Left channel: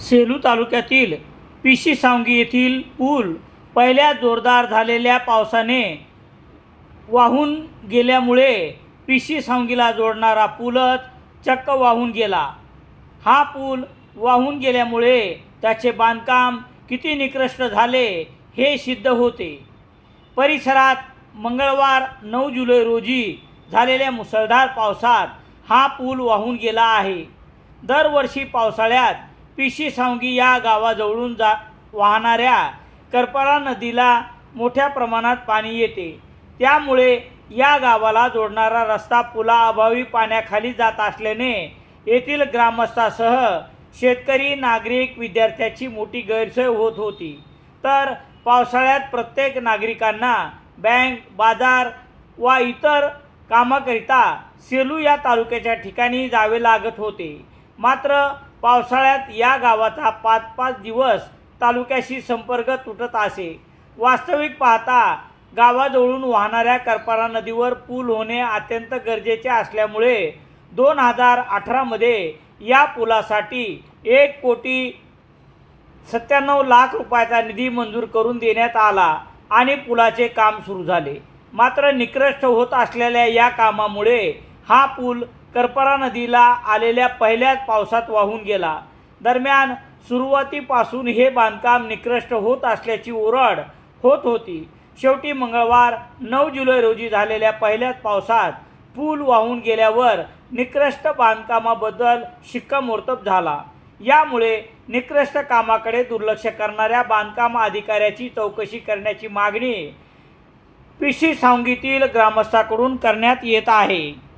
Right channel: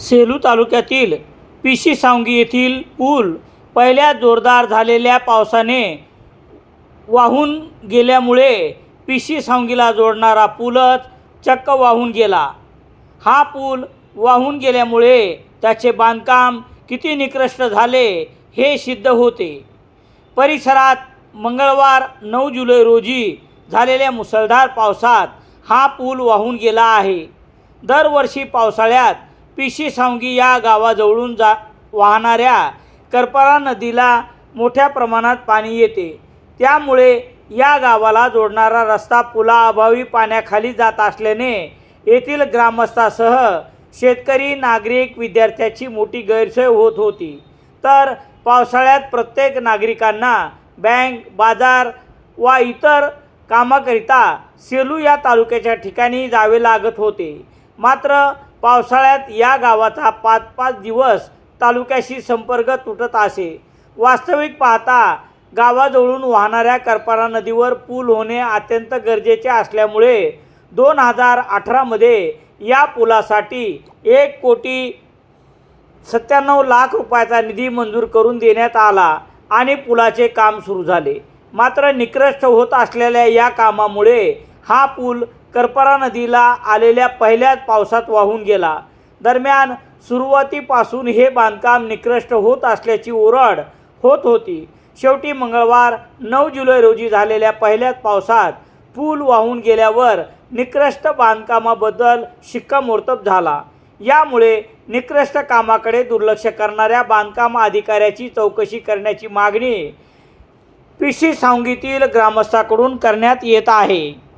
सेलू तालुक्यातील पिशी सावंगी येथील पूल पहिल्या जोरदार झालेल्या पावसाने वाहून गेल्यामुळे पिशी सावंगीला जोडणारा पूलच चक्क वाहून गेला. हा पूल वाहून गेल्यामुळे त्याचे बांधकाम किती निकृष्ट झाले हे सिद्ध होते. परिसरात मंगळवार नऊ जुलै रोजी झालेल्या मुसळधार पावसात हा पूल वाहून गेला आहे. दरवर्षी पावसाळ्यात पिशी सांगी या गावाजवळून जा वाहणाऱ्या करपरा नदीला मोठ्या प्रमाणात पाणी येते. त्यामुळे या गावाला जोडणारा रस्ता पुलाअभावी पाण्याखाली जात असल्याने येथील ग्रामस्थासह शेतकरी नागरिक विद्यार्थ्याची मोठी गैरसोय होत होती. तर पावसाळ्यात प्रत्येक नागरिकांना बँक बाजार वा इतर कामाकरिता सेलू या तालुक्याच्या ठिकाणी जावे लागत होते. मात्र पावसाळ्यात या गावाचा पाच पाच दिवस तालुक्याशी संपर्क तुटत असे. वास्तविक पाहता गावाजवळून वाहणाऱ्या करपारा नदीवर पूल होणे अत्यंत गरजेचे असल्यामुळे दोन हजार अठरामध्ये या पुलासाठी एक कोटी सत्त्याण्णव लाख रुपयाचा निधी मंजूर करून देण्यात आला आणि पुलाचे काम सुरू झाले. मात्र निकृष्ट होत असलेल्या या कामामुळे हा पूल करपरा नदीला आलेल्या पहिल्याच पावसात वाहून गेला. दरम्यान सुरुवातीपासून हे बांधकाम निकृष्ट होत असल्याची ओरड होत होती. शेवटी मंगळवार नऊ जुलै रोजी झालेल्या पहिल्याच पावसात पूल वाहून गेल्यावर निकृष्ट बांधकामाबद्दल शिक्कामोर्तब झाला. यामुळे निकृष्ट कामाकडे दुर्लक्ष करणाऱ्या बांधकाम अधिकाऱ्याची चौकशी करण्याची मागणी पिशी सांगीतील ग्रामस्थाकडून करण्यात येत आहे.